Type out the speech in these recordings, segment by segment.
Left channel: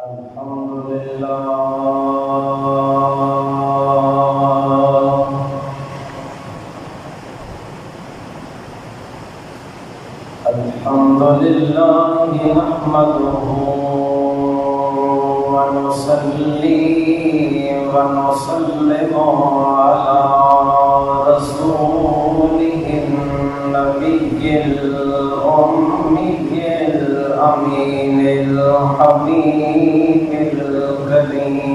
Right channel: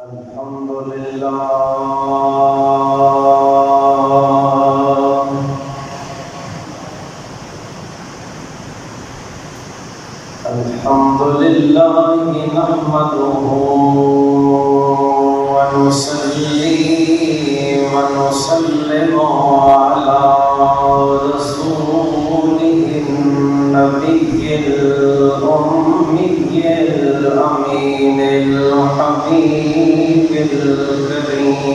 الحمد لله نحمده ونصلي ونسلم على رسوله النبي الأمي الأمين الحبيب الكريم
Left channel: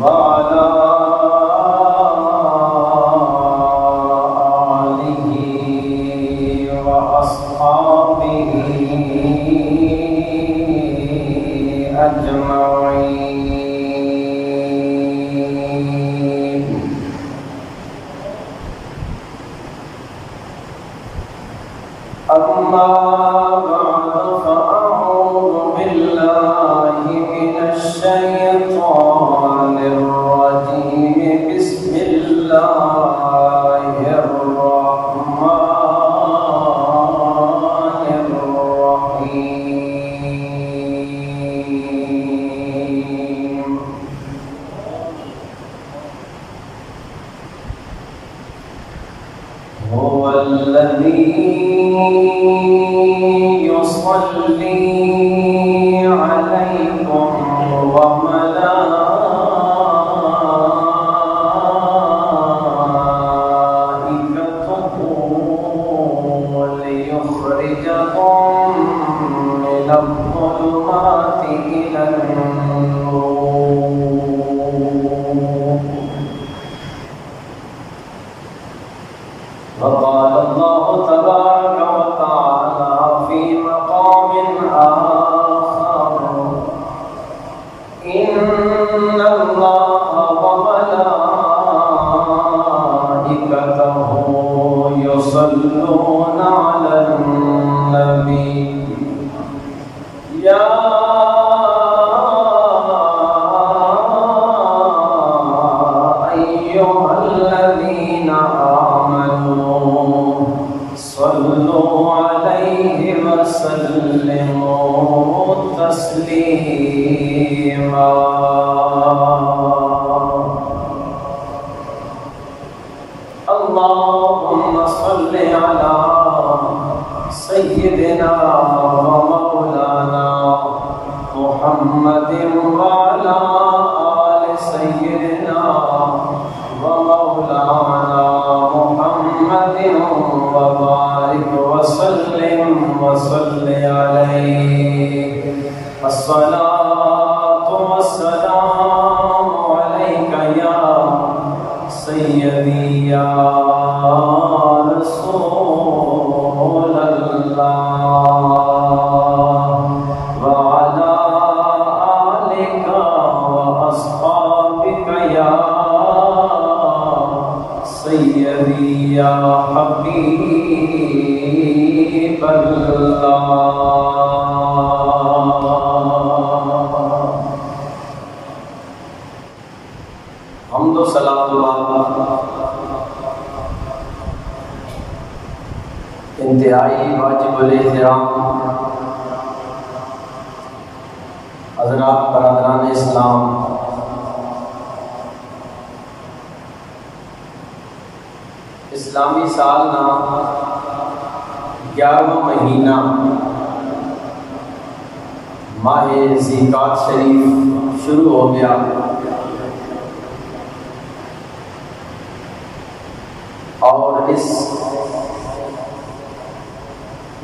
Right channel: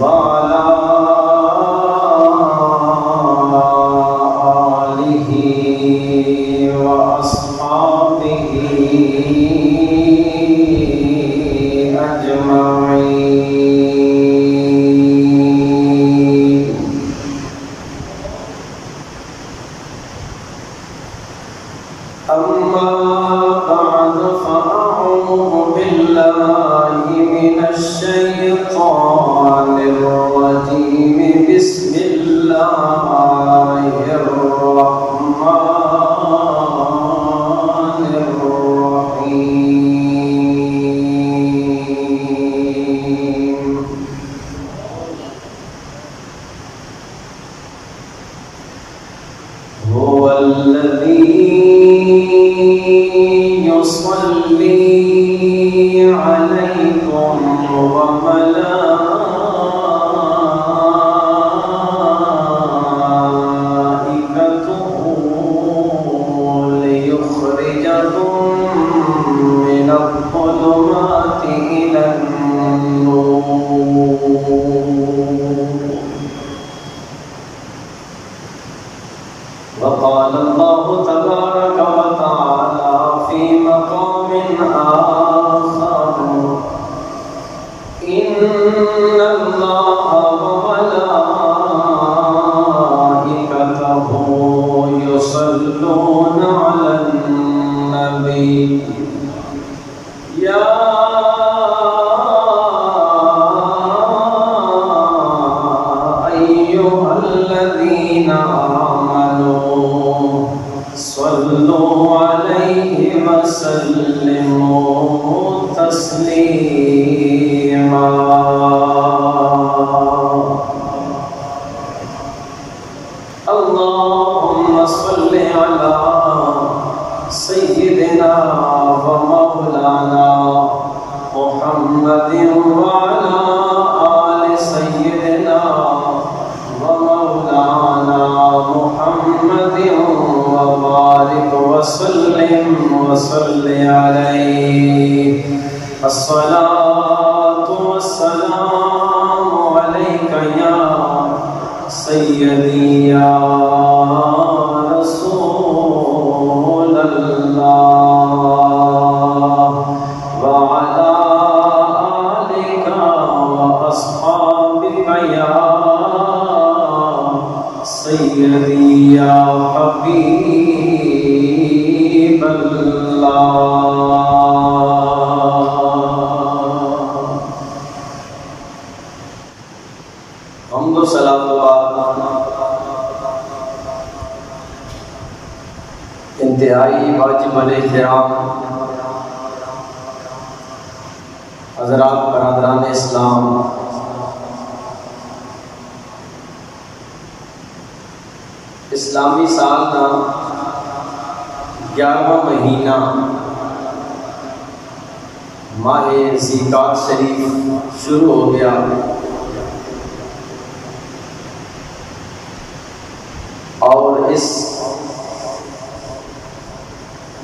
وعلى آله وأصحابه أجمعين. أما بعد فأعوذ بالله من الشيطان الرجيم. بسم الله الرحمن الرحيم. هو الذي يصلي عليكم وملائكته ليخرجكم من الظلمات إلى النور. وقال الله تبارك وتعالى في مقام آخر: إن الله وملائكته يصلون على النبي يا أيها الذين آمنوا صلوا عليه وسلموا تسليما. اللهم صل على سيدنا ومولانا محمد وعلى آل سيدنا ومولانا محمد وبارك وسلم وصل عليه. الصلاة والسلام عليك يا سيدي يا رسول الله، وعلى آلك وأصحابك يا سيدي يا حبيب الله. حمد و صلاۃ و انتہائی واجب الاحترام حضرات برادران اسلام، اسلامی سال کا 11واں مہینہ ماہ ذیقعدہ شریف شروع ہو گیا. اور اس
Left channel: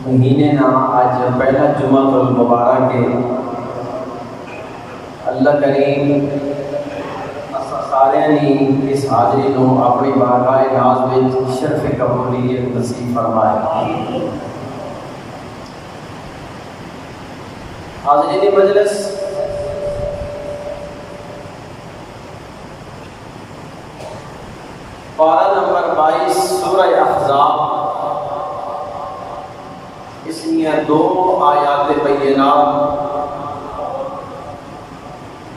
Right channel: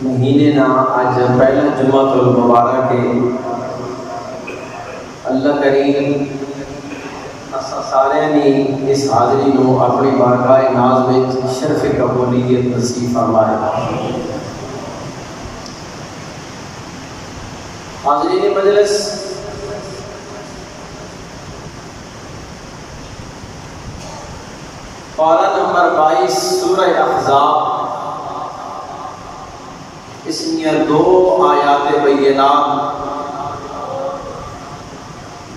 مہینے نا آج پہلا جمعہ المبارک ہے. اللہ کریم سارے نے اس حاضری کو اپنی بارگاہ ناز میں شرف قبولیت نصیب فرمائے. حاضرین مجلس، پارہ نمبر 22 سورہ احزاب، اس میں 2 آیات بینات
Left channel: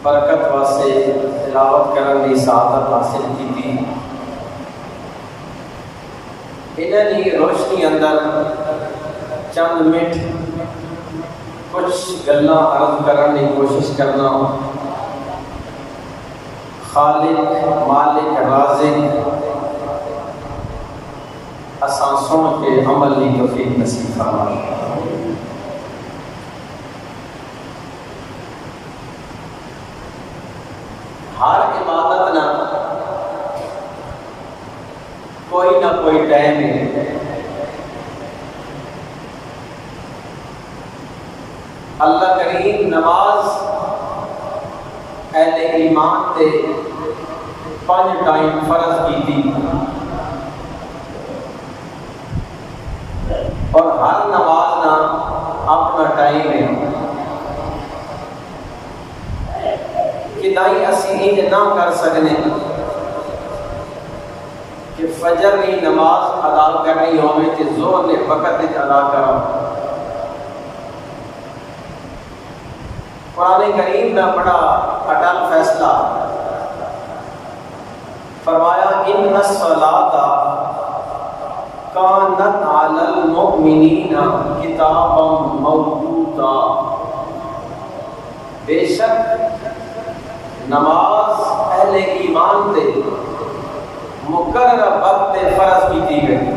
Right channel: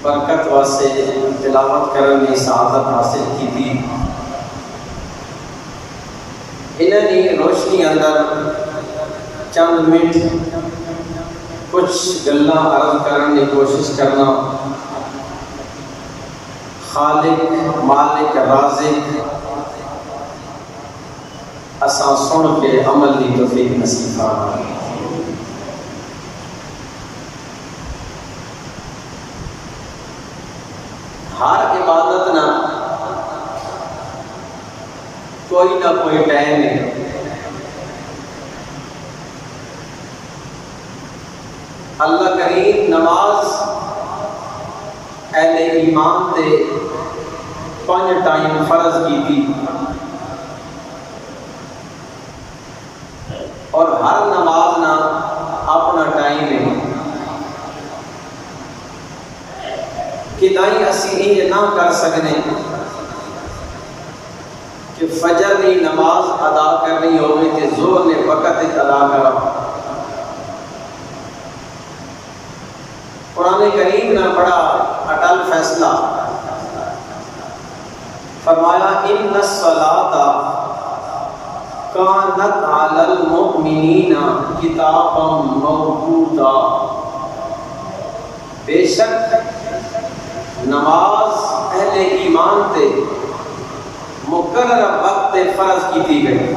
برکت واسطے تلاوت کرنے کی سعادت حاصل کی تھی. انہاں دی روشنی اندر چند منٹ کچھ گلاں عرض کرنے کی کوشش کرنا. خالق مالک رازق اساں سن کے عمل کی توفیق نصیب فرمائے. ہر عبادت نہ کوئی نہ کوئی ٹائم ہے. اللہ کریم نماز اہل ایمان تے 5 ٹائم فرض کی تھی اور ہر نماز نہ اپنا ٹائم ہے. کدائی اسی انج نہ کر سکنے کہ فجر کی نماز ادا کرنی ہوگی تے زور نے وقت ادا کرا. قرآن کریم نے بڑا اٹل فیصلہ فرمایا ان الصلاۃ کانت علی المؤمنین کتابا موقوتا. بے شک نماز اہل ایمان تے مقرر وقت فرض کی گئی.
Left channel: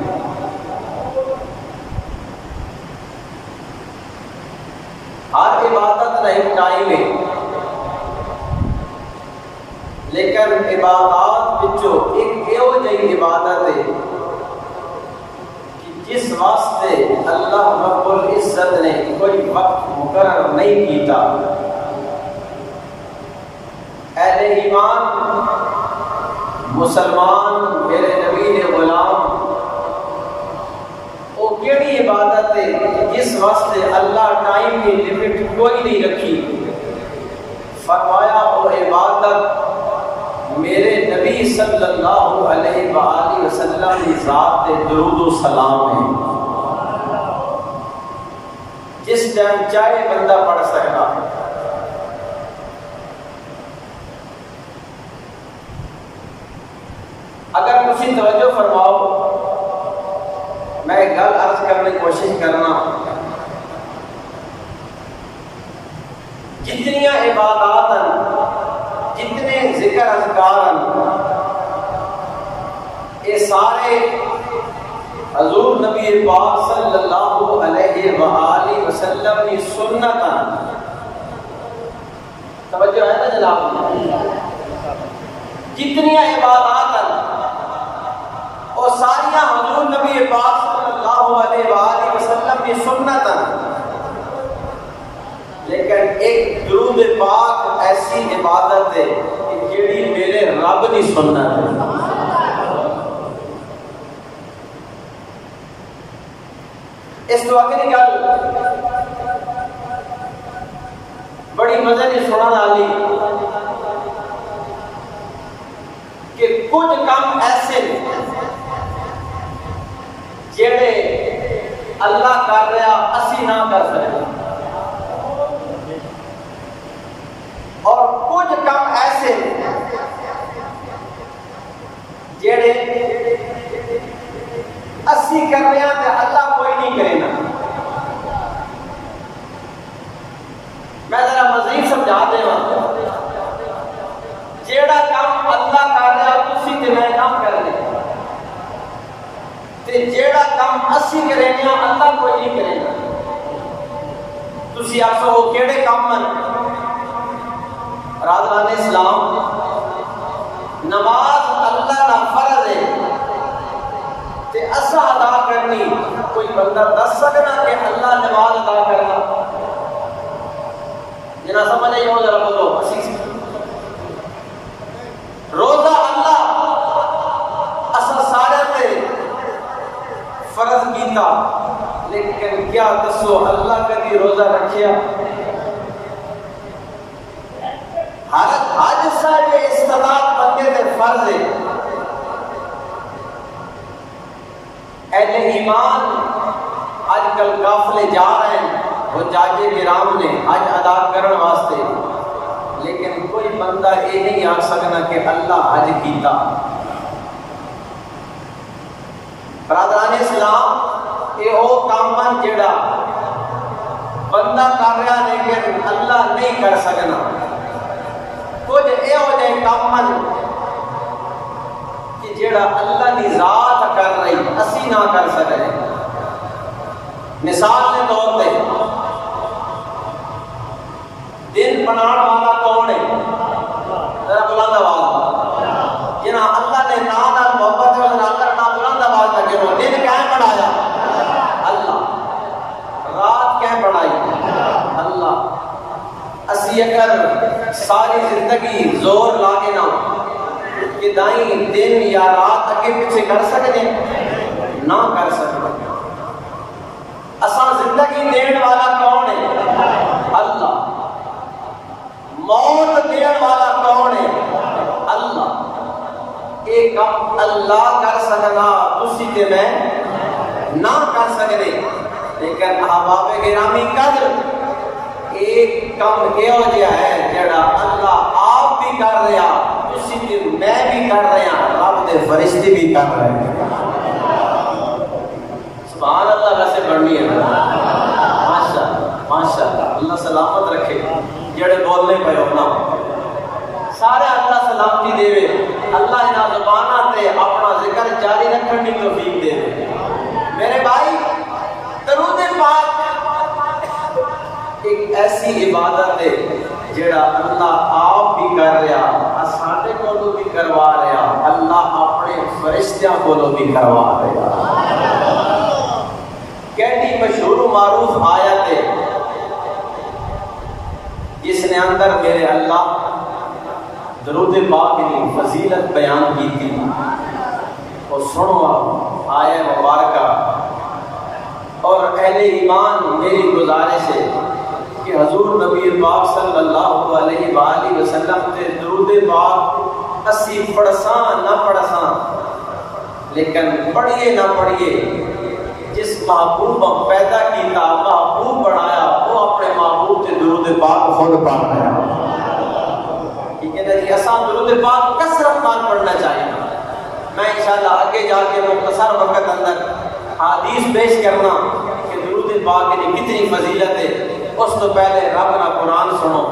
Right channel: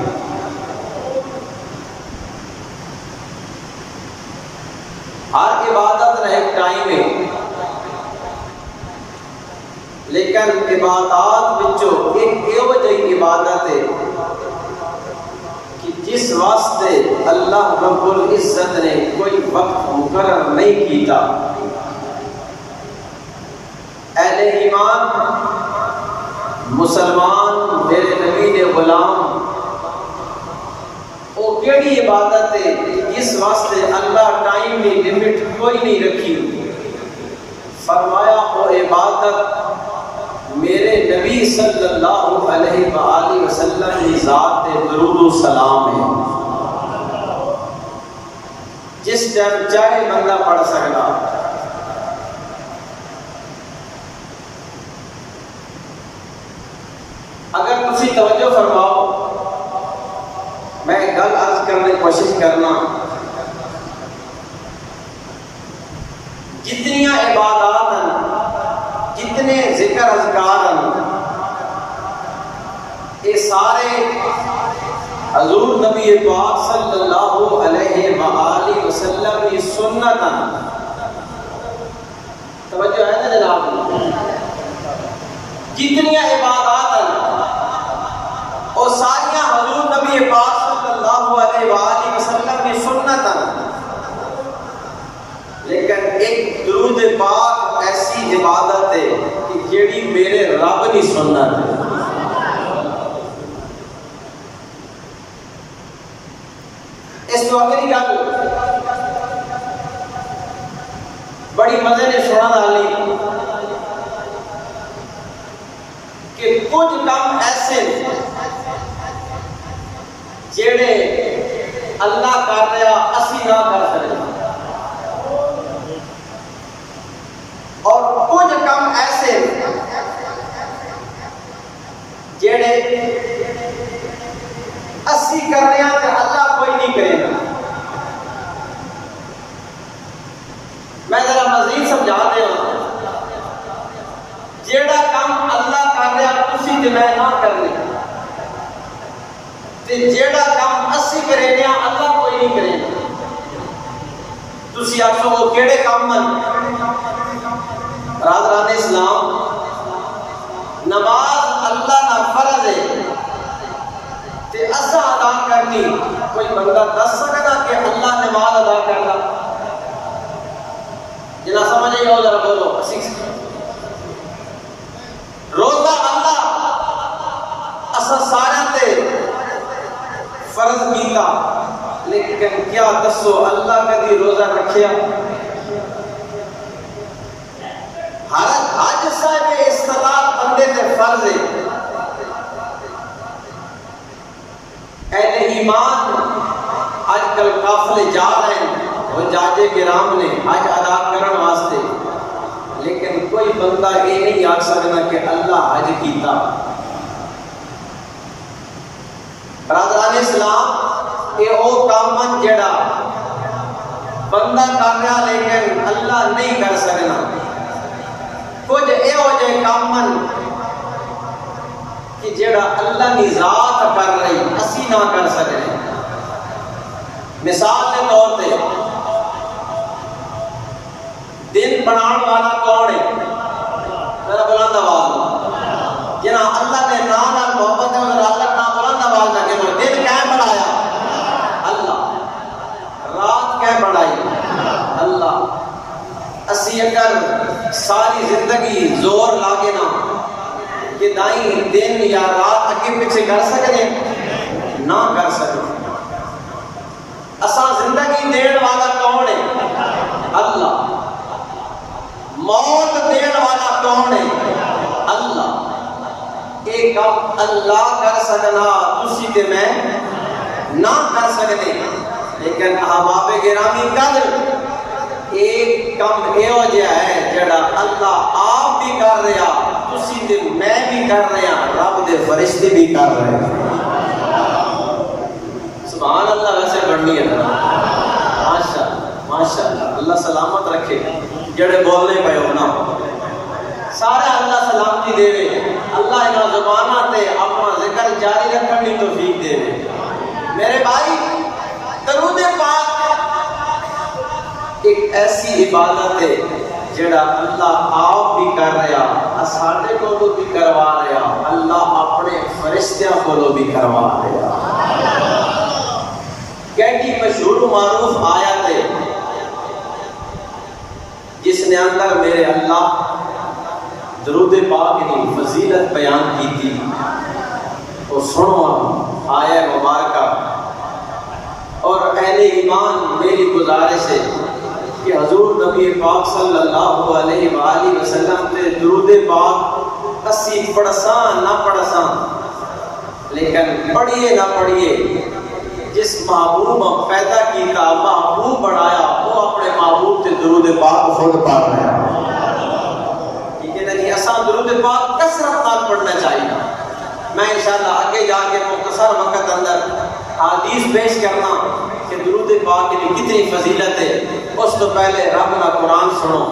ہر عبادت کا ایک ٹائم ہے لیکن عبادات وچوں ایک ایو جہی عبادت ہے کہ جس واسطے اللہ رب العزت نے کوئی وقت مقرر نہیں کیتا. اہل ایمان مسلمان میرے نبی نے غلام وہ کیڑی عبادت ہے جس واسطے اللہ ٹائم کی لمٹ کوئی نہیں رکھی. فرمایا وہ عبادت میرے نبی صلی اللہ علیہ وآلہ وسلم کی ذات تے درود و سلام ہے. جس ٹائم چاہے بندہ پڑھ سکتا. اگر تسی توجہ فرماؤ میں ایک گل عرض کرنے کی کوشش کرنا. جتنی عبادات ہیں جتنے ذکر اذکار ہیں یہ سارے حضور نبی پاک صلی اللہ علیہ وآلہ وسلم کی سنت ہیں. توجہ ہے نا جناب. جتنی عبادات ہیں وہ ساریاں حضور نبی پاک صلی اللہ علیہ وآلہ وسلم کی سنت ہیں. لیکن ایک درود پاک ایسی عبادت ہے کہ جیڑی میرے رب کی سنت ہے. اس تو اگلی گل بڑی مزے نے سننے والی کہ کچھ کام ایسے جیڑے اللہ کر رہا اسی نہ کر سکتے اور کچھ کام ایسے جیڑے اسی کر رہے ہیں تے اللہ کوئی نہیں کرے گا. میں ذرا مزید سمجھا دے ہوں. جیڑا کام اللہ کر رہا تسی تے میں نہ کرنے تے جیڑا کام اسی کرے گا اللہ کوئی نہیں کرے گا. تسی آکھو وہ کیڑے کام ہیں؟ برادران اسلام نماز اللہ کا فرض ہے تے اسا ادا کرنی. کوئی بندہ دس سکتا کہ اللہ نماز ادا کرنا؟ جنا سمجھ آئی ہو ذرا بولو. روزہ اللہ اسا سارے تے فرض کیتا لیکن کیا دسو اللہ کبھی روزہ رکھیا؟ حج صاحب استطاعت بندے تے فرض ہے. اہل ایمان آج کل قافلے جا رہے ہیں حجاج کرام نے حج ادا کرنے واسطے لیکن کوئی بندہ یہ نہیں آ سکتا کہ اللہ حج کیتا. برادران اسلام یہ او کام جڑا بندہ کر رہا لیکن اللہ نہیں کر سکنا. کچھ یہ ہو جائے کام کہ جڑا اللہ کی ذات کر رہی اسی نہ کر سکے. مثال کے طور پہ دن بنانے والا کون ہے؟ ذرا بلند آواز جنا اللہ کے نام نال محبت ہے اور اللہ کا بلند آواز کر کے بولو دن کیا بنایا؟ اللہ. رات کیا بنائی؟ اللہ. اسی اگر ساری زندگی زور لاگے نا کہ دائیں دن یا رات اگے پیچھے کر سکتے نہ کر سکتے. اساں زندگی دین والا کون ہے؟ اللہ. موت دین والا کون ہے؟ اللہ. ایک کام اللہ کر سکنا تسی تے میں نہ کر سکتے. لیکن احباب گرامی قدر ایک کام یہ ہو جائے ہے جڑا اللہ آپ بھی کر رہا تسی تے میں بھی کر رہا رب دے فرشتے بھی کر رہے ہیں. سبحان اللہ. ویسے بڑھنی ہے ماشاءاللہ. اللہ سلامت رکھے جڑے بولنے پہ ہونا سارے اللہ سلامتی دے. اللہ انہاں زبانہ تے اپنا ذکر جاری رکھن دی توفیق دے. میرے بھائی درود پاک ایک ایسی عبادت ہے جڑا اللہ آپ بھی کر رہا ساڈے کولوں بھی کروا رہا اللہ اپنے فرشتیاں کولوں بھی کروا رہا. کیٹی مشہور و معروف آیت ہے جس نے اندر میرے اللہ درود پاک کی فضیلت بیان کی تھی. تو سنو آیت مبارکہ. اور اہل ایمان میری گزارش ہے کہ حضور نبی پاک صلی اللہ علیہ وآلہ وسلم تے درود پاک اسی پڑھساں نہ پڑھساں لیکن پڑھیے نہ پڑھیے جس محبوب پیدا کیتا محبوب بنایا وہ اپنے محبوب تے درود پاک خود پڑھ رہا ہے. ٹھیک ہے نا جی. اساں درود پاک کثرت نال پڑھنا چاہیے. میں انشاءاللہ آگے جا کے مختصر وقت اندر حدیث پیش کرنا کہ درود پاک کی کتنی فضیلت ہے. اس تو پہلے رب کا قرآن سنو.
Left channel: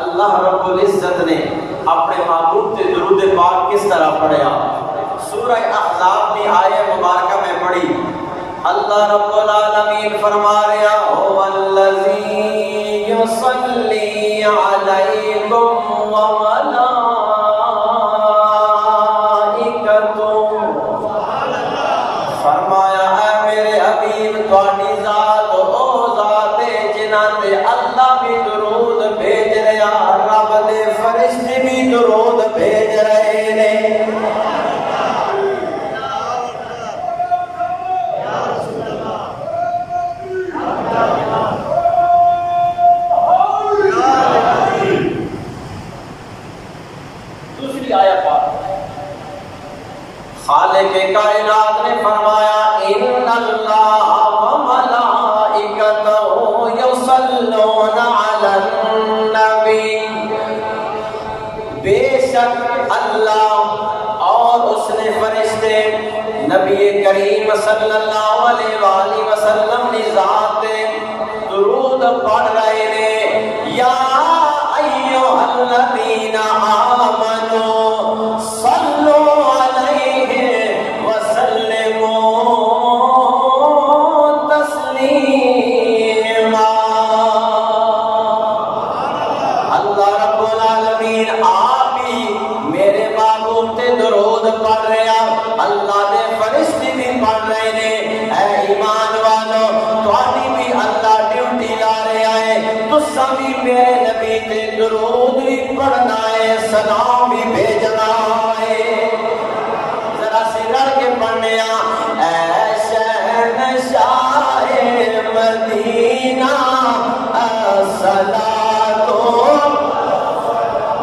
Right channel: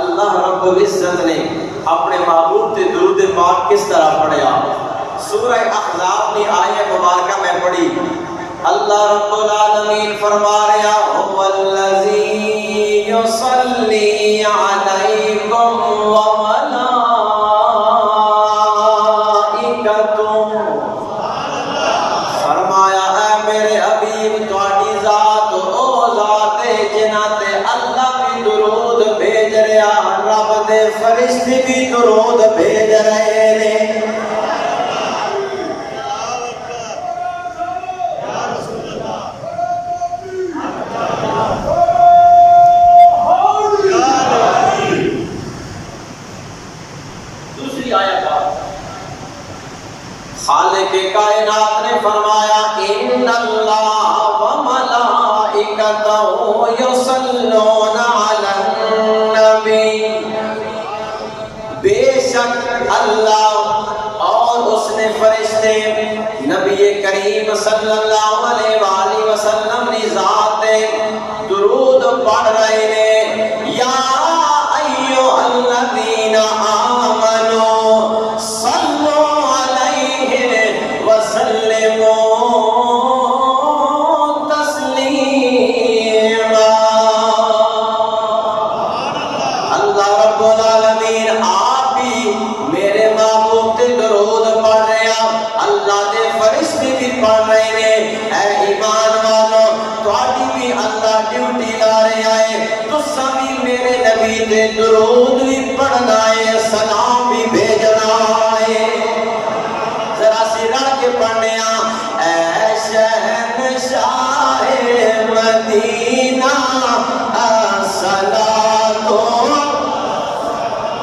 اللہ رب العزت نے اپنے محبوب تے درود پاک کس طرح پڑھیا. سورہ احزاب کی آیت مبارکہ میں پڑھی. اللہ رب العالمین فرما رہا هو الذی یصلی علیکم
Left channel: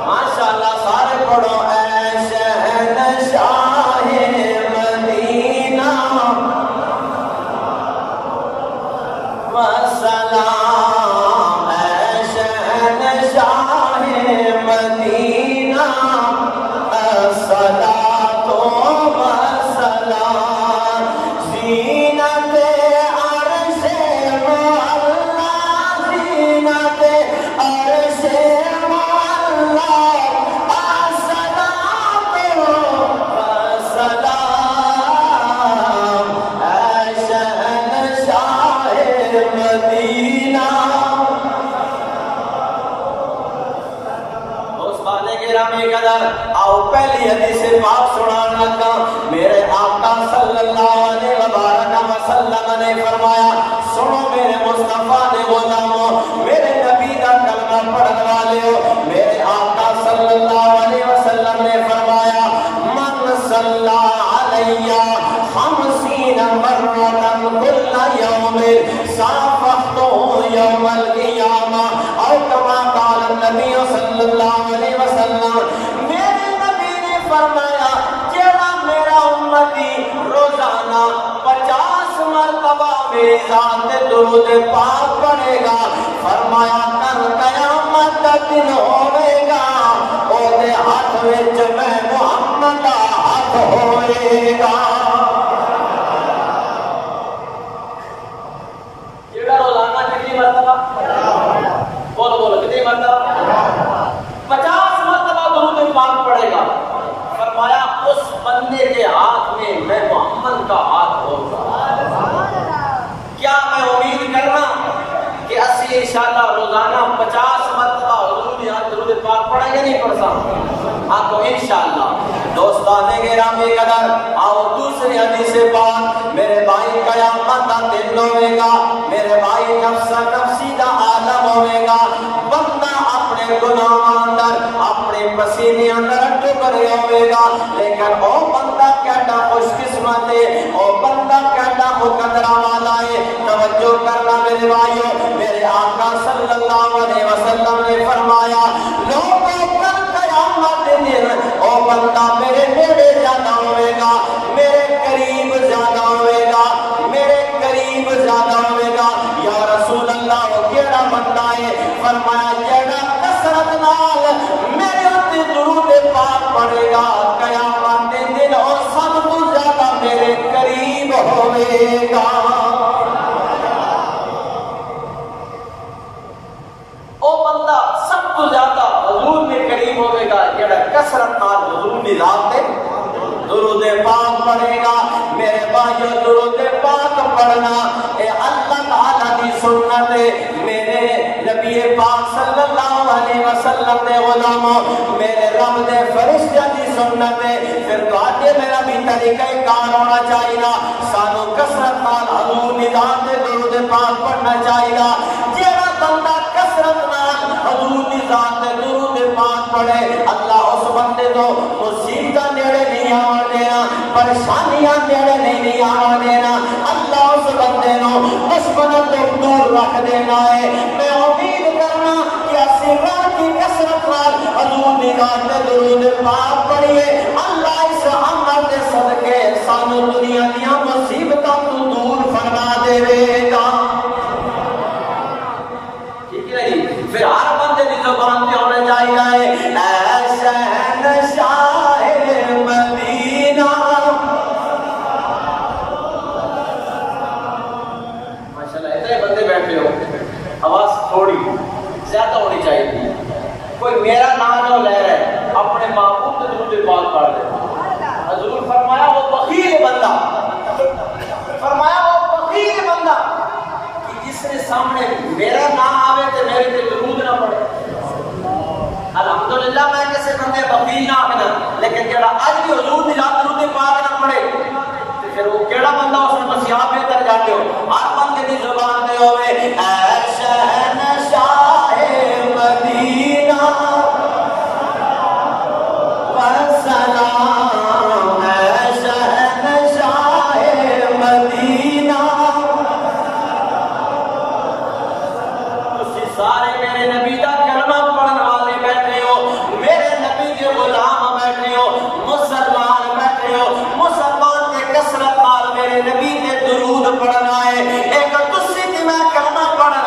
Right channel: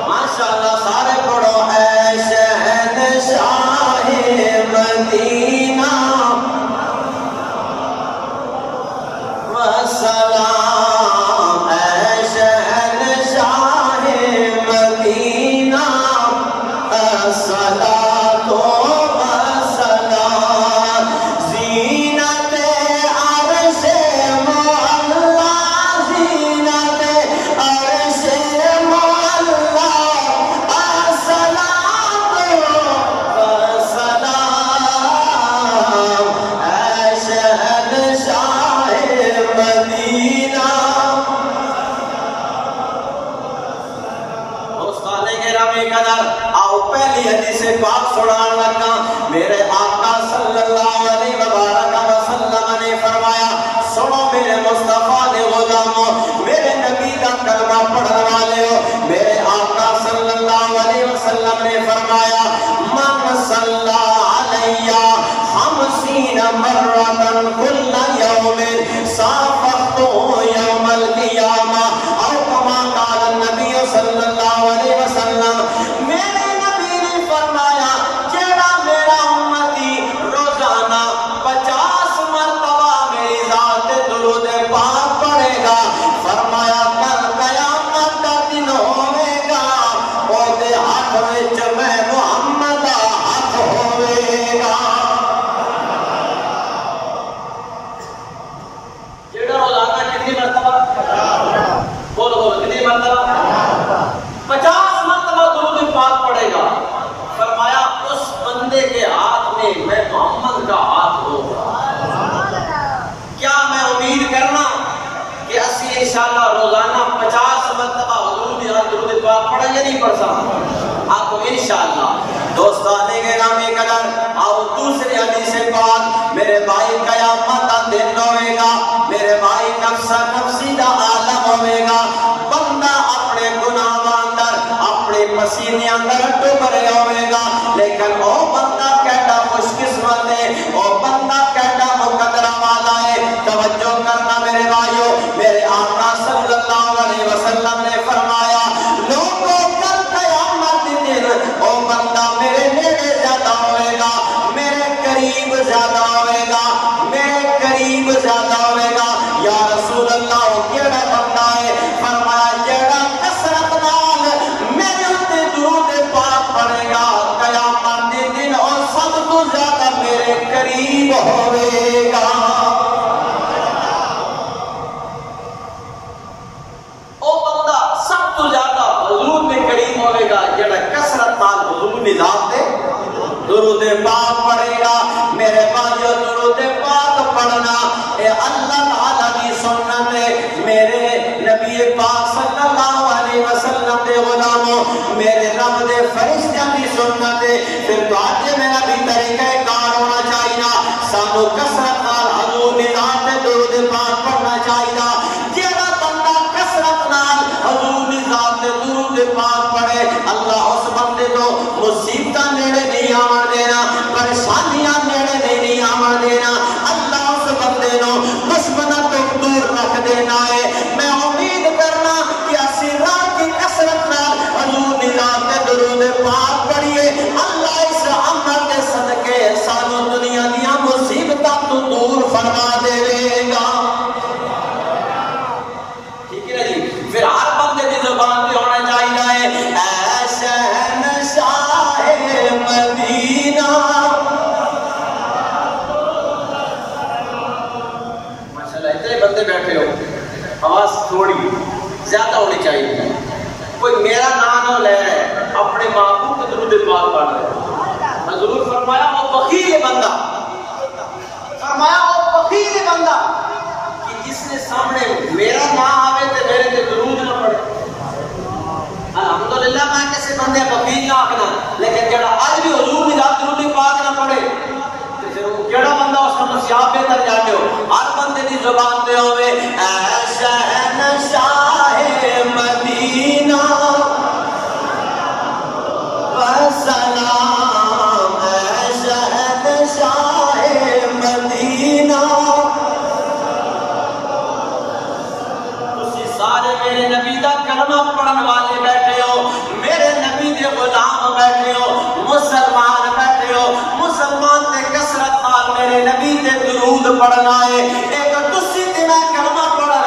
ماشاءاللہ آؤ پہلی حدیث پاک سنان لگا. میرے آقا صلی اللہ علیہ وسلم نے فرمایا سنو میرے مصطفیٰ نے غلاموں میرے نبی کا کلمہ پڑھنے والے ہو. میرے آقا صلی اللہ علیہ وسلم نے فرمایا من صلی علیہ 50 مرۃ کل یوم صافحتہ یوم القیامہ او کما قال النبی صلی اللہ علیہ وسلم. میرے نبی نے فرمایا جیڑا میرا امتی روزانہ 50 مرتبہ میری ذات درود پاک پڑھے گا فرمایا کل قیامت کا دن ہوے گا او دے ہاتھ وچ میں محمد دا ہاتھ ہوے گا. جیڑا روزانہ کتنی مرتبہ بولو بولو کتنی مرتبہ 50 مرتبہ درود پاک پڑھے گا فرمایا اس بندے کے ہاتھ میں میں محمد کا ہاتھ ہوگا. کیا میں امید کرنا کہ اسی انشاءاللہ روزانہ 50 مرتبہ حضور یہاں درود پاک پڑھیں گے نہیں پڑھ سکتا آپ کو انشاءاللہ. دوستان گرامی قدر آؤ دوسری حدیث پاک میرے بھائی قیامت کا دن ہوئے گا میرے بھائی نفسا نفسی کا عالم ہوئے گا. بندہ اپنے گناہ اندر اپنے پسینے اندر ڈوب رہا ہوئے گا لیکن او بندہ کیڈا خوش قسمت ہے او بندہ کیڈا مقدرہ والا ہے. توجہ کرنا میرے بھائیو میرے آقا صلی اللہ علیہ وسلم نے فرمایا لوگوں کل قیامت دن او بندہ میرے نیڑے زیادہ ہوئے گا میرے قریب زیادہ ہوئے گا میرے قریب زیادہ ہوئے گا. یا رسول اللہ وہ کیڑا بندہ ہے فرمایا جیڑا کثرت نال میرے تے درود پاک پڑھے گا قیامت کے دن اور سب تو زیادہ میرے قریب ہوئے گا. او بندہ سب تو زیادہ حضور کے قریب ہوئے گا جیڑا کثرت نال حضور دی ذات تے درود پاک پڑھے گا. میرے بھائیو درود پاک پڑھنا اے اللہ تعالی کی سنت ہے. میرے نبی پاک صلی اللہ علیہ وسلم دے غلاموں میرے رب دے فرشتیاں کی سنت ہے. پھر تواڈے میرا بھی طریقہ کار ہونا چاہیے سانو کثرت نال حضور دی ذات تے درود پاک پڑھنا چاہیے. جیڑا بندہ کثرت نال حضور دی ذات تے درود پاک پڑھے اللہ اس بندے کو مصیبتاں نیڑے نہیں آون دینا پریشانیاں نیڑے نہیں آون دینا اللہ اس بندے نو دشمنوں تو دور رکھ دینا ہے. میں امید کرنا کہ اسی رب کی کثرت نال حضور دی ذات تے درود پاک پڑھیے اللہ اس عمل دے صدقے سانو دنیا دیاں مصیبتاں تو دور فرما دے گا. ٹھیک ہے جی. پھر ہر بندے دی زبان تے ہونا چاہیے اے شہنشاہ مدینہ. ماشاءاللہ اتنے بندے بیٹھے ہو آواز تھوڑی زیادہ ہونی چاہیے. کوئی میرا نام نہ لے رہا ہے اپنے محبوب کے درود پاک پڑھ رہے ہیں. حضور فرمایا وہ بخیل بندہ فرمایا وہ بخیل بندہ کہ جس نے سامنے میرا نام آوے تو میرے تے درود نہ پڑھے. الحمدللہ میں کسی بندے بخیل نہ آکھنا لیکن جڑا اج بھی حضور دی ذات درود پاک نہ پڑھے تے پھر وہ کیڑا بندہ اس نے مسیح بہتر جاتے ہو. ہر بندے دی زبان تے ہوئے اے شہنشاہ مدینہ سلام اے شہنشاہ مدینہ. تسی سارے میرے نبی دا کلمہ پڑھن والے بیٹھے ہو میرے نبی دے غلام بیٹھے ہو مسلمان بیٹھے ہو مسلمان تے کثرت نال میرے نبی تے درود پڑھنا ہے. ایک تسی تے میں کلمہ پڑھ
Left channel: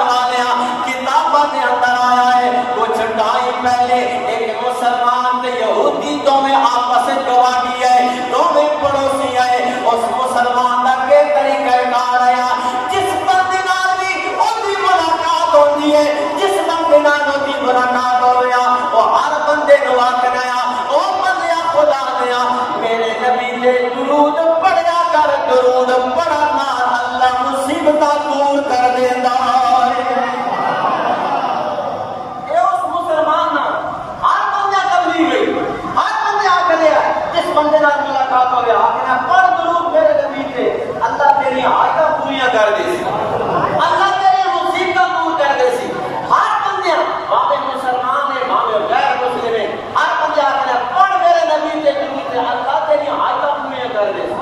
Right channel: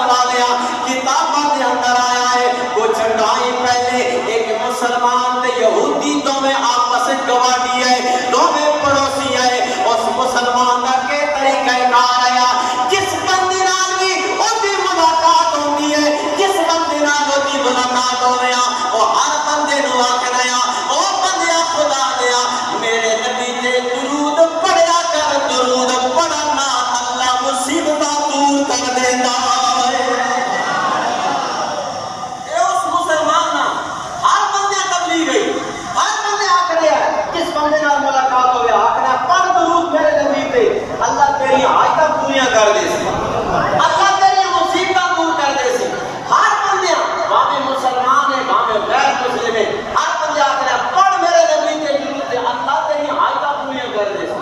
بندے نال ملاقات ہوئے آخنا پڑھ درود میرے نبی تے اللہ تیری آیتاں پوریاں کر دے سی اللہ تیری مصیبتاں دور کر دے سی ہر بندے بھاویں مسلمان ہے بھاویں غیر مسلم ہے ہر بندے آخنا پڑھ میرے نبی تے درود تے اللہ تیری آیتاں پوریاں کر دے سی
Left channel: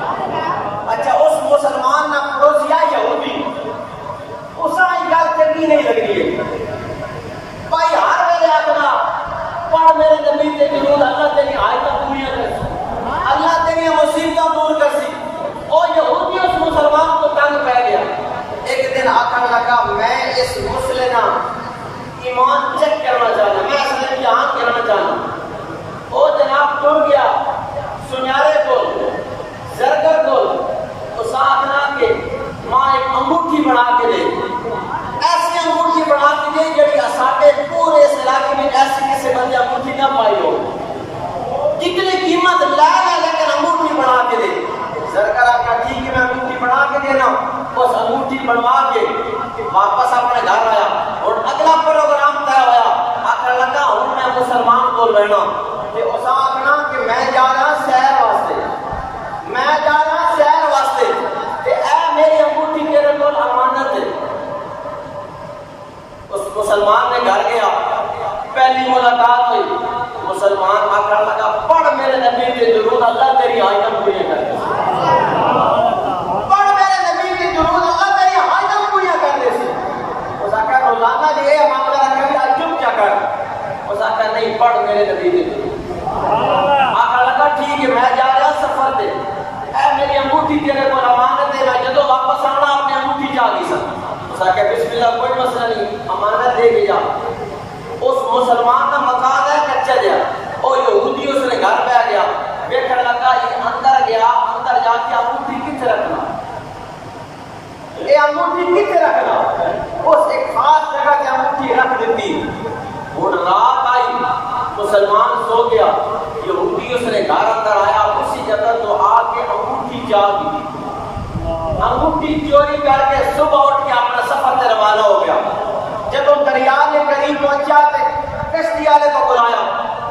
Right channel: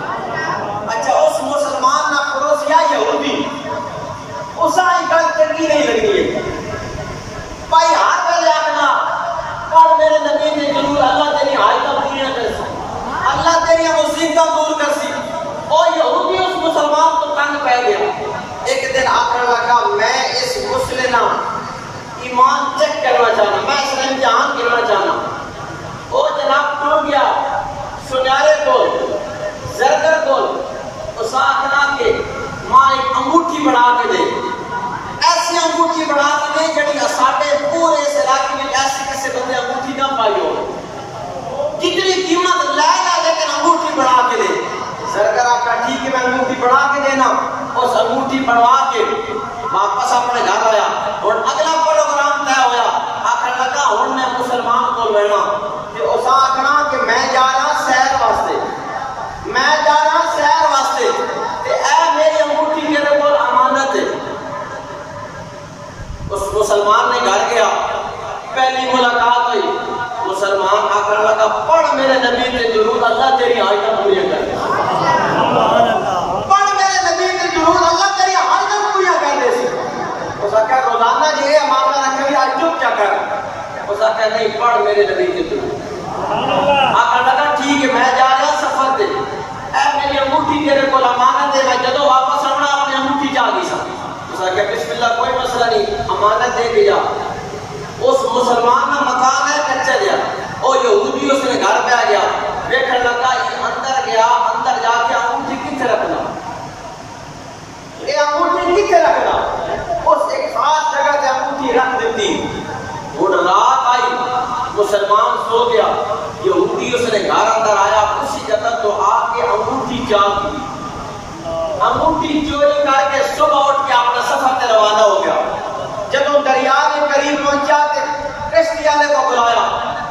اچھا اس مسلمان نہ پڑوسیا یہودی اساں ہی گل چنگی نہیں لگدی ہے بھائی ہر ویلے آخنا پڑھ میرے نبی تے درود اللہ تیری آیتاں پوریاں کر سی اللہ تیری مصیبتاں دور کر سی اور یہودی اس مسلمان کو تنگ پہ گیا ایک دن آخر لگا میں اس مسلم ایمان چیک کرنا چاہنا میں اس نے امتحان کرنا چاہنا وہ جناب ٹر گیا سنیارے کو زرگر کو اس آخنا کہ ماں ایک انگوٹھی بنا کے دے ایسی انگوٹھی بنا کے دے جڑی ساڈے پورے اس علاقے میں ایسی کسی بندے انگوٹھی نہ پائی ہو جتنی قیمت لے لے لیکن انگوٹھی بنا کے دے زرگر آپ کا ٹھیک ہے میں انگوٹھی بنا کے دینا اس انگوٹھی بنوا کے واپس اپنے گھر آیا اور اگلا پروگرام طے ہوا آخر لگا ہوں میں مسلمان کو لینا کہ اس آخنا کہ میں جا رہا سیر واسطے میں جا رہا سیر واسطے تے اے میری انگوٹھی تیرے کول امانت ہے اس مسلمان نے گھر گیا پہلی ملاقات ہوئی مسلمان آخر لگا پڑھ میرے نبی کے درود اللہ تیری آیتاں پوریاں کر دے پڑھ میرے نبی کے درود اللہ تیری آیتاں پوریاں کر دے سی اس آخر روزانہ جی یہ معاملہ رکھے ہوئی آج چپ کیا کر اس آخر نہیں پڑھ میرے نبی کے درود آخر لگا ٹھیک ہے میں جا رہا سفر دے اے میری انگوٹھی تیرے کو امانت ہے میں جدو واپس آنا اپنی انگوٹھی چاہ گئی سا اس آخر بسم اللہ کوئی مسئلہ نہیں امانت دے دیا اس مسلمان کا مکان ہے کچا گیا اور یہودی اس نے گھر پہ آ گیا دیکھنے لگا یہ اندر گیا اندر جا کے انگوٹھی کتنے رکھنا یہ انگوٹھی کتنے رکھنا اس ایک خاص جگہ سے انگوٹھی رکھ دیتی اور رات آئی مسلمان سو گیا یہودی اس نے گھر اندر آیا اسی جگہ تو آ کے انگوٹھی چاہ دی انگوٹھی چوری کر کے صبح اٹھ کے اپنا سفر سے روانہ ہو گیا جب وہ دریا کے قریب پہنچا تو کشتی والے کو بلایا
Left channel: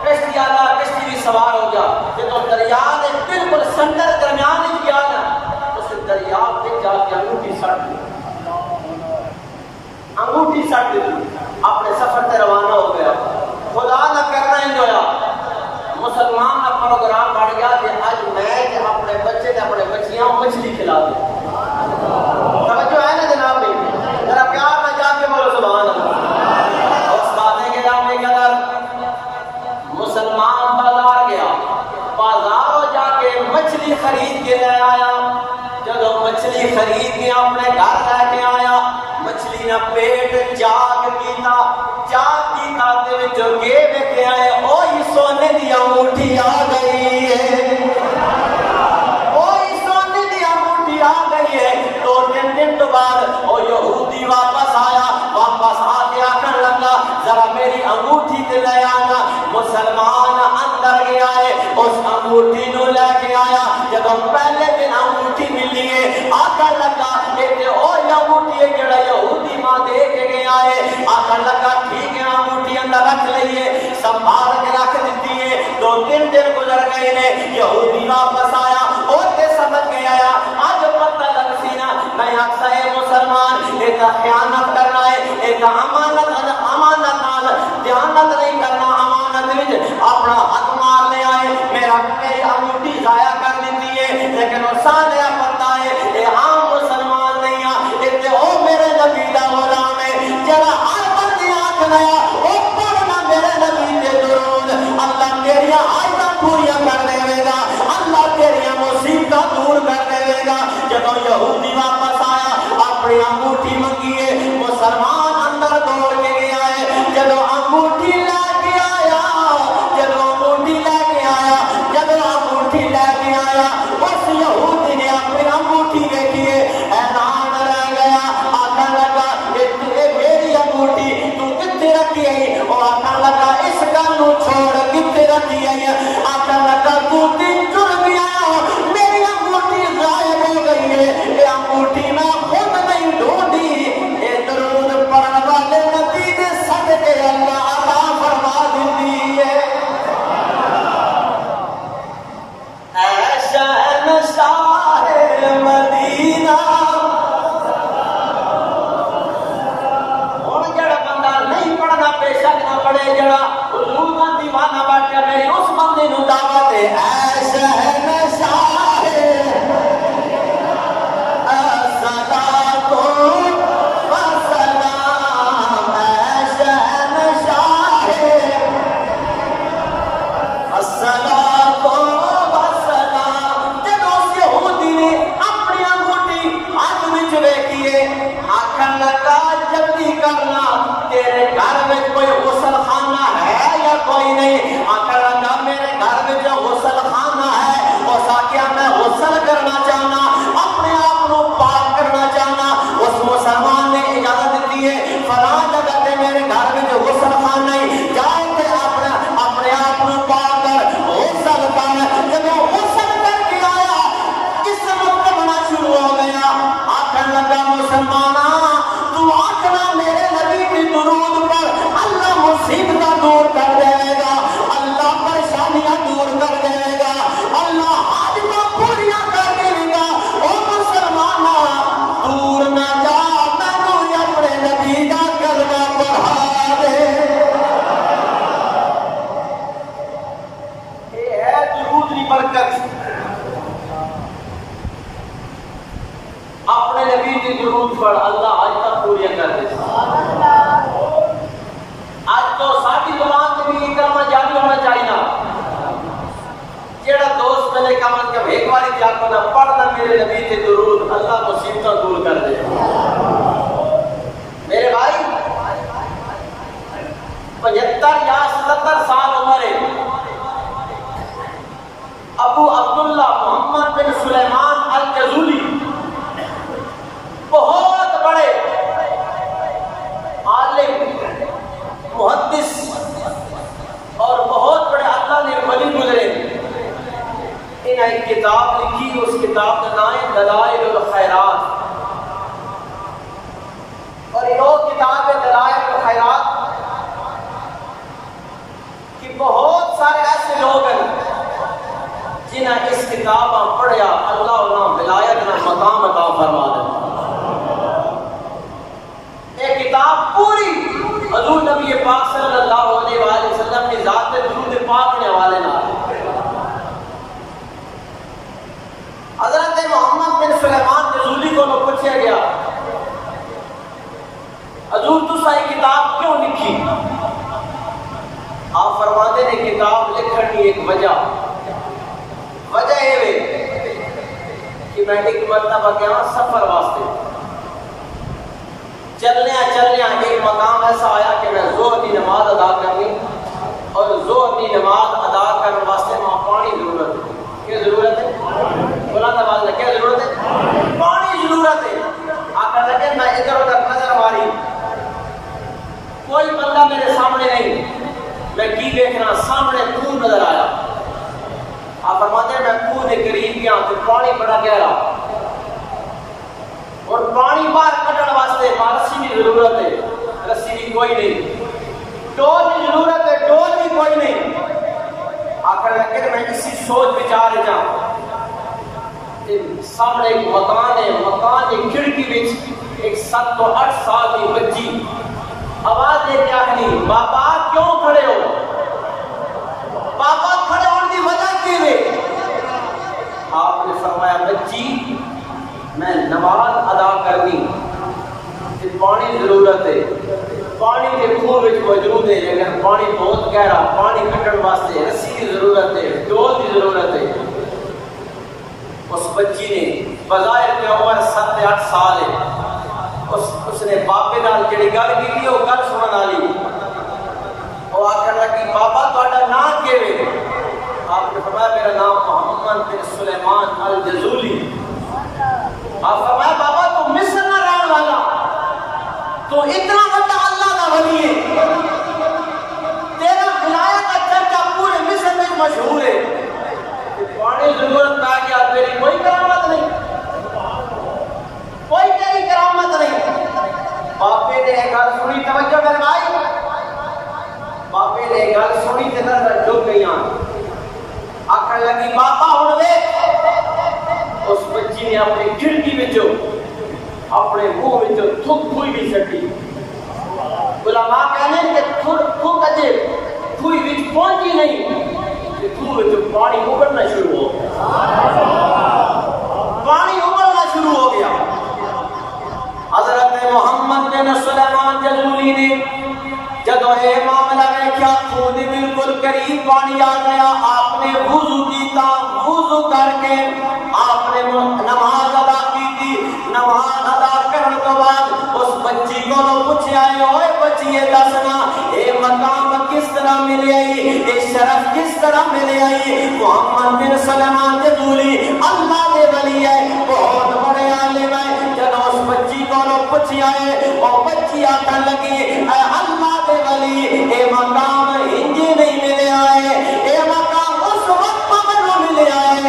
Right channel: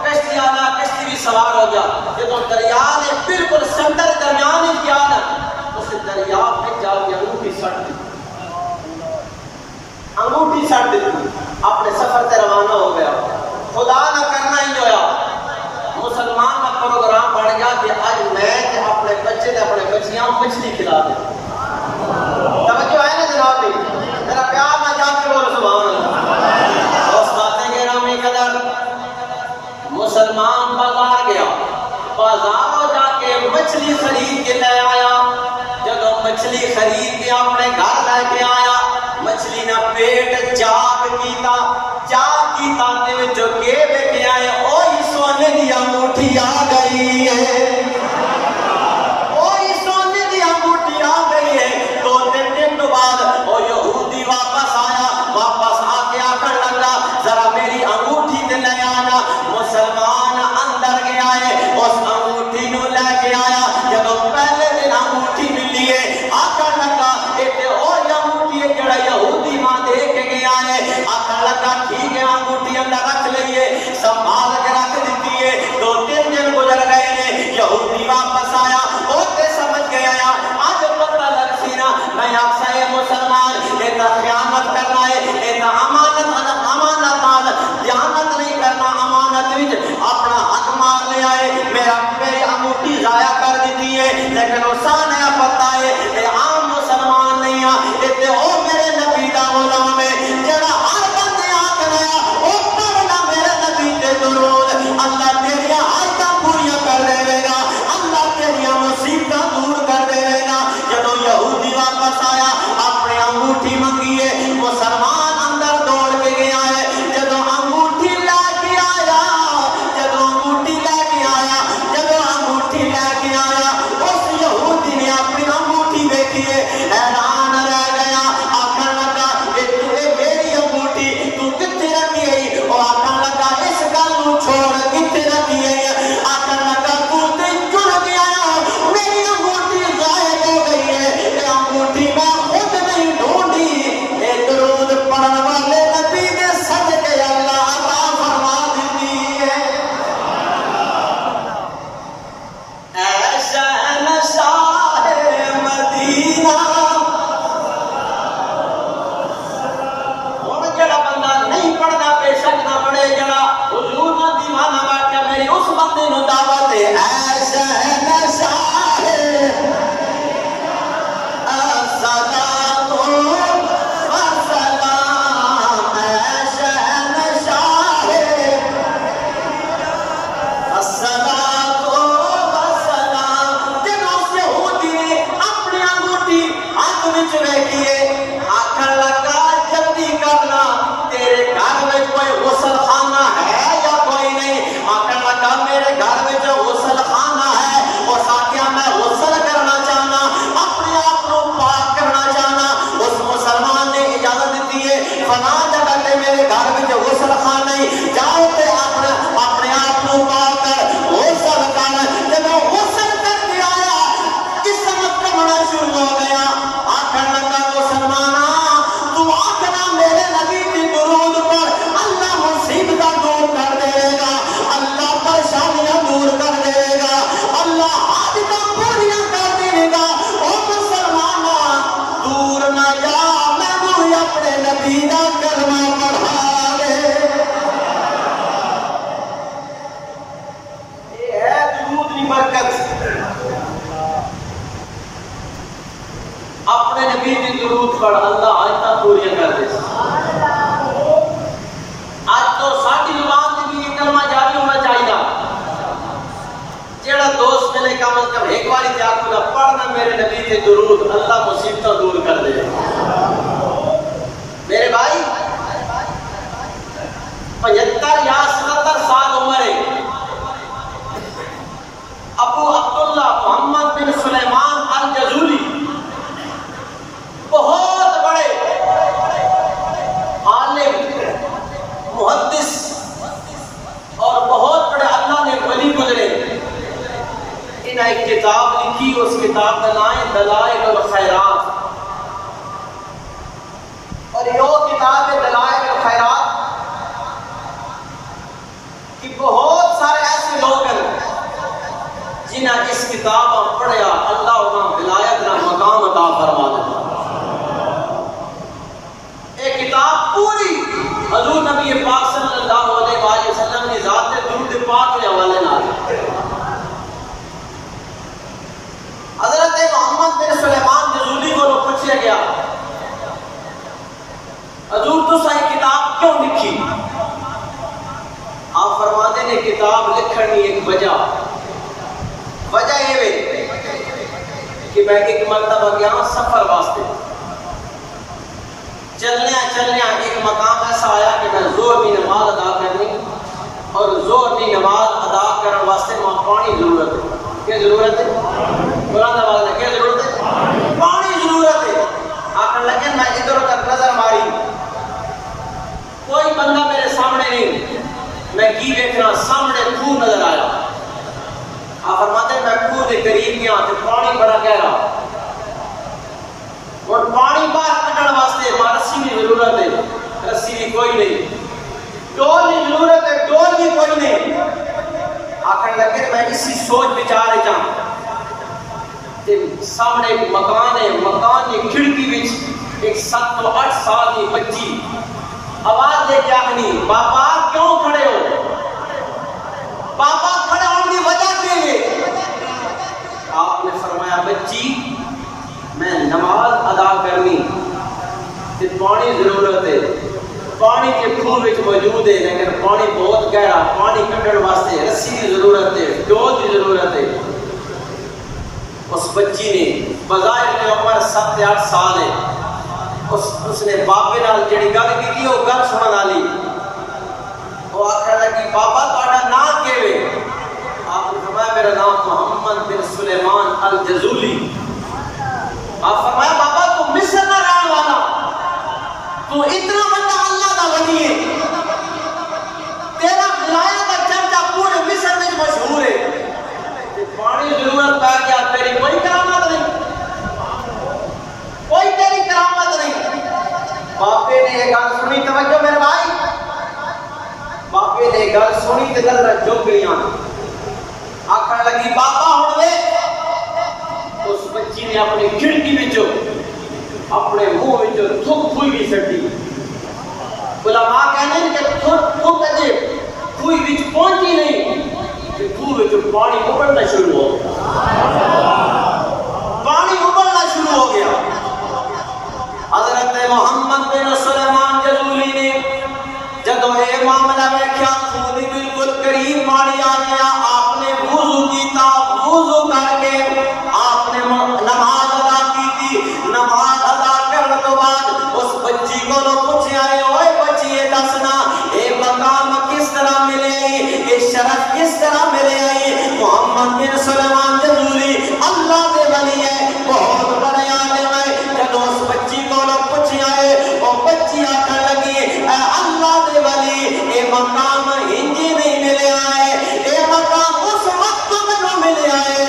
کشتی والا کشتی بھی سوار ہو گیا جب وہ دریا نے بالکل سمندر درمیان ہی کیا نا اس دریا پہ جا کے انگوٹھی سٹ دی انگوٹھی سٹ دی اپنے سفر سے روانہ ہو گیا خدا نہ کرنا ہی ہویا مسلمان کا پروگرام بڑھ گیا کہ آج میں اپنے بچے نے اپنے بچیاں مچھلی کھلا دے توجہ ہے نا جناب بھی ذرا پیار میں جا کے بولو سبحان اللہ اس باتیں کہہ رہا میں قدر مسلمان بازار گیا بازار جا کے مچھلی خرید کے لے آیا جب وہ مچھلی خرید کے اپنے گھر لے کے آیا مچھلی نہ پیٹ چاک کیتا تے وچوں کے کے آئے اوہی سونے دی انگوٹھی آ گئی ہے لیکن دوسری برکت اپنے نبی کی درود پر اللہ آیتاں پوری کر دے. آج تو ساری زبان سے بھی یہ کلمہ جاری ہونا چاہیے. جیڑا دوست ملے کم از کم ایک باری جا کے پڑھنا میرے نبی کے درود, اللہ مصیبتوں دور کر دے. میرے بھائی 75 یا 77 سال عمر ہے. ابو عبداللہ محمد بن سلیمان الجزولی بہت بڑے عالم, محدث اور بہت بڑے اللہ نے ولی گزرے. انہیں ایک کتاب لکھی, اس کتاب کا نام ہے دلائل الخیرات. اور یہ کتاب ہے دلائل الخیرات کہ بہت سارے ایسے لوگ ہیں جنہیں اس کتاب پڑھیا اللہ انہیں ولایت نہ مقام عطا فرما دے. ایک کتاب پوری حضور نبی پاک صلی اللہ علیہ وآلہ وسلم کی ذات درود پاک کے حوالے نہ. حضرت محمد بن سلیمان جزولی کو پوچھا گیا, حضور تو صحیح کتاب کیوں لکھی؟ آپ فرماتے ہیں کتاب لکھنے کی ایک وجہ یہ کہ میں ایک مرتبہ گیا سفر واسطے, چلنے ایک مقام ایسا آیا کہ میں زور کی نماز ادا کرنی, اور زور کی نماز ادا کرنے واسطے وہاں پانی ضرورت ہے. کیا ضرورت ہے؟ قرآن آواز ہے, کیا ضرورت ہے؟ پانی ضرورت ہے. آخر لگے میں ادھر ادھر نظر ماری, کوئی بندہ میرے سامنے نہیں. میں کی دیکھ رہا, سامنے خوہ نظر آیا. آپ فرماتے ہیں میں خوہ کے قریب گیا تو پانی بڑا گہرا, اور پانی باہر کھڑنے واسطے رسی کی ضرورت ہے. رسی بھی کوئی نہیں, ڈول کی ضرورت ہے, ڈول بھی کوئی نہیں. آخر لگے میں اسی سوچ بچار جاؤں. سامنے ایک مکان ہے, مکان کی کھڑکی وچ ایک 7 تو 8 سال کی بچی آواز دے کے آخری, بابا کیوں کھڑے ہو؟ بابا کھڑے ہونے کی وجہ کیوں ہے؟ آپ نے فرمایا بچی میں نماز ادا کرنی, پانی ضرورت ہے, پانی کے خوہ موجود ہے, لیکن پانی بہت گہرا, پانی کھڑنے واسطے رسی کی ضرورت ہے, ڈول کی ضرورت ہے. اس بچی نے بظاہر کی عمر 7 یا 8 سال ہے, اس نے باپے نال جڑی گل کی وہ گل سنن والی. وہ آخر لگی بابا تہاڈا نام کیویں؟ آپ نے فرمایا میرا نام محمد بن سلیمان الجزولی. آپ فرمایا بابا تو مصر میں رہنے والا, تو اتنا بڑا اللہ کا ولی ہے, تیرا ولایت کا چرچا پورے مصر میں مشہور ہے. پانی ضرورت پہ گیا, تیری کوئی کرامت نہیں, کوئی تیری کرامت نہیں. باپے نے ایک گل سنی, توجہ میرے بھائی, باپے نے ایک گل سنی تے نظر جھک گئیاں. آخر لگی بابا ہن وے. اس بچی نے اپنی کھڑکی وچوں اپنے منہ وچوں تھوک پھوئی بھی سٹی. علماء کہنے کہ تھوک اجے پھوئی وچ پہنچی نہیں کہ خوہ وچوں پانی ابلنا شروع ہو گیا. پانی ابلنا شروع ہو گیا. حضرت محمد بن سلیمان جزولی نے جدوں یہ معاملہ ویکھیا, خوہ دے بالکل قریب پانی آ گیا. آپ نے وضو کیتا, وضو کر کے آپ نے نماز ادا کی تھی. نماز ادا کرنے تو بعد اس بچی کو پوچھا ہے, اوے بچی یہ دسنا یہ مقام کس طرح ملے آئی, یہ شرف کس طرح ملے آئی؟ محمد بن سلیمان جزولی اللہ دے ولی ہے, بہت بڑے عالم ہے. جب اس بچی کو پوچھا ہے, وہ بچی آ کر لگی اے اللہ دے ولی یہ مقام انجی نہیں ملے آئے, یہ مقام اس وقت مجھے ملے آئے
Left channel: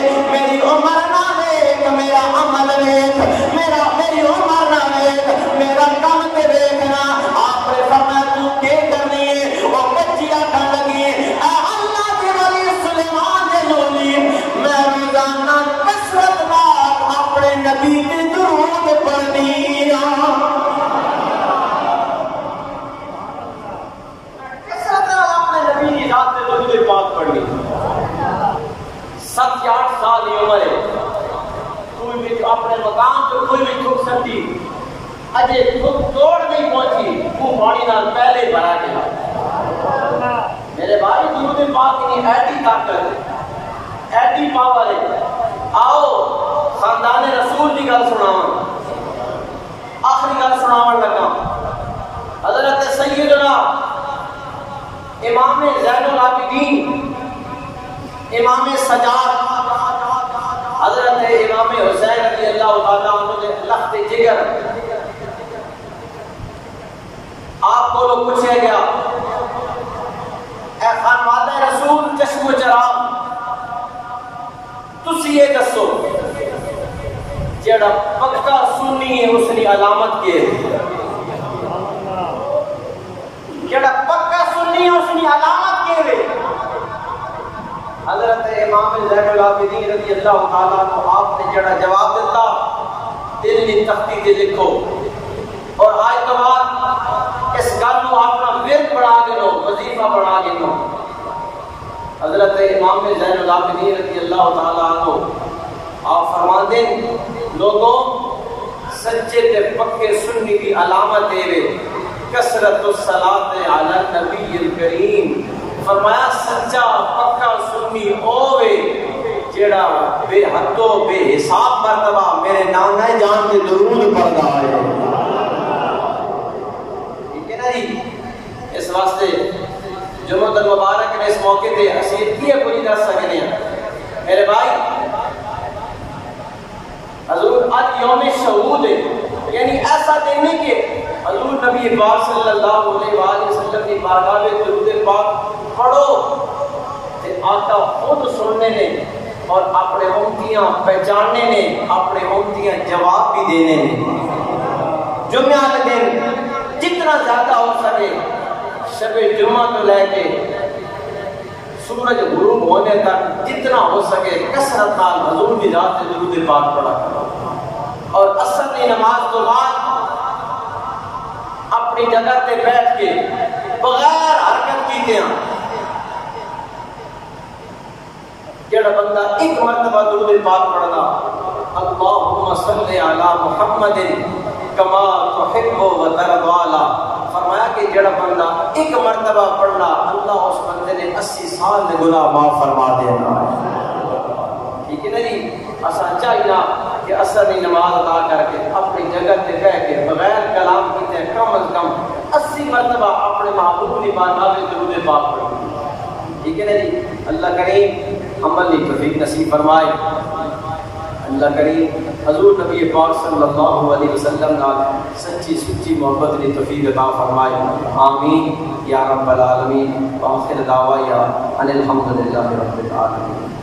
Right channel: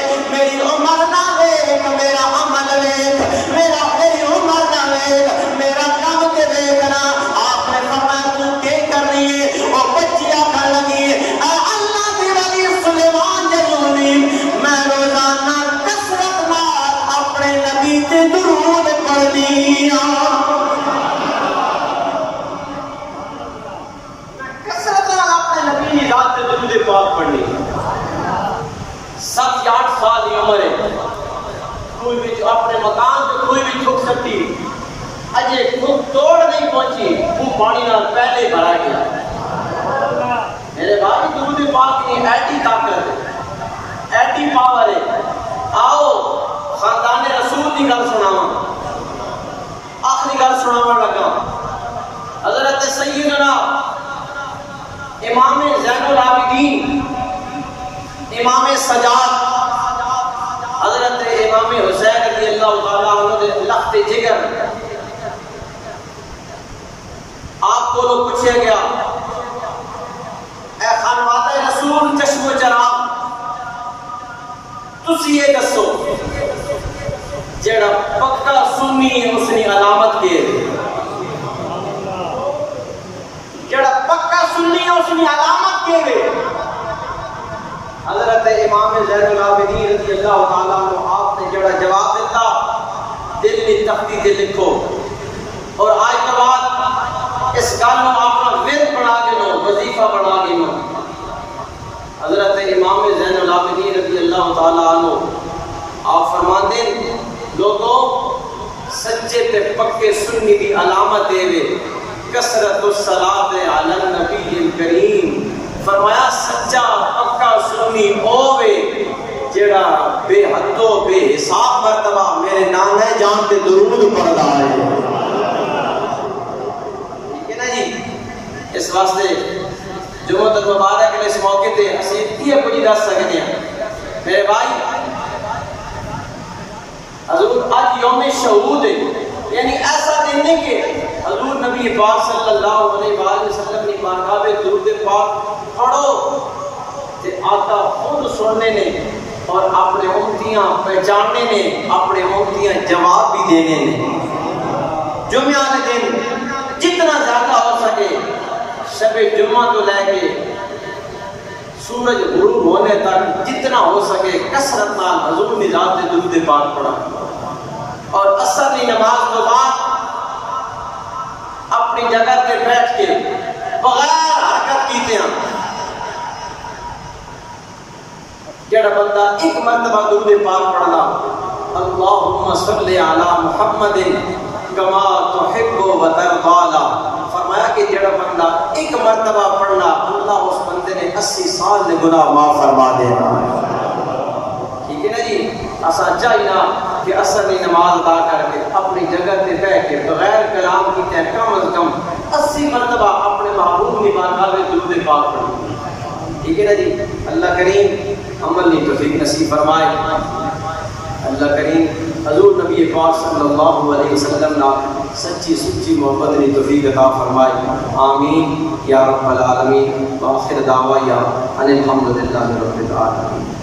مکان تو کوئی بھی ٹھوک سکتی اجے خود توڑ نہیں پہنچی وہ پانی نال پہلے بھرا گیا میرے بھائی درود پاک کی ایٹی طاقت ہے ایٹی پاور ہے آؤ خاندان رسول کی گل سناواں آخری گل سناواں لگا حضرت سیدنا امام زین العابدین امام سجاد حضرت امام حسین رضی اللہ تعالیٰ عنہ دے لخت جگر آپ کو لوگ پوچھے گیا اے خانوادہ رسول چشم و چراغ تسی یہ دسو جڑا پکا سنی ہے اس نے علامت کے جڑا پکا سنی ہے اس نے علامت کے حضرت امام زین العابدین رضی اللہ تعالیٰ عنہ آپ نے جڑا جواب دیتا دل میں تختی دے لکھو اور آج کے بعد اس گل کو اپنا ورد بنا کے لو وظیفہ بنا کے لو حضرت امام زین العابدین رضی اللہ تعالیٰ عنہ آپ فرماندے لوگوں سچے تے پکے سنی دی علامت دے وے کثرت الصلاۃ علی النبی الکریم فرمایا سچا پکا سنی ہووے جڑا بے حد و بے حساب مرتبہ میرے نانے جان پہ درود پڑھدا ہے ٹھیک ہے نا جی اس واسطے جمعہ المبارک نے اس موقع تے حسین کی کوئی دس سکتے ہیں میرے بھائی حضور آج یوم شہود ہے یعنی ایسا دن ہے کہ حضور نبی پاک صلی اللہ علیہ وآلہ وسلم نے بارگاہ میں درود پاک پڑھو تے آقا خود سننے نے اور اپنے امتیاں پہچاننے نے اپنے امتیاں جواب بھی دینے نے جمعہ والے دن جتنا زیادہ ہو سکے شب جمعہ تو لے کے سورج غروب ہونے تک جتنا ہو سکے کثرت نال حضور دی ذات تے درود پاک پڑھا اور عصر کی نماز کے بعد اپنی جگہ تے بیٹھ کے بغیر حرکت کیتے ہیں جڑا بندہ ایک مرتبہ درود پاک پڑھنا اللہم صلی علی محمد کما تحب و ترضى فرمایا کہ جڑا بندہ ایک مرتبہ پڑھنا اللہ اس بندے نے 80 سال دے گناہ معاف فرما دینا ٹھیک ہے نا جی اسا چاہیے کہ عصر کی نماز ادا کر کے اپنی جگہ تے بیٹھ کے بغیر کلام کیتے کم از کم 80 مرتبہ اپنے محبوب کی بارگاہ میں درود پاک پڑھنا ٹھیک ہے نا جی اللہ کریم عمل کی توفیق نصیب فرمائے اللہ کریم حضور نبی پاک صلی اللہ علیہ وسلم نا سچی سچی محبت کی توفیق عطا فرمائے آمین یا رب العالمین وآخر دعوایا ان الحمدللہ رب العالمین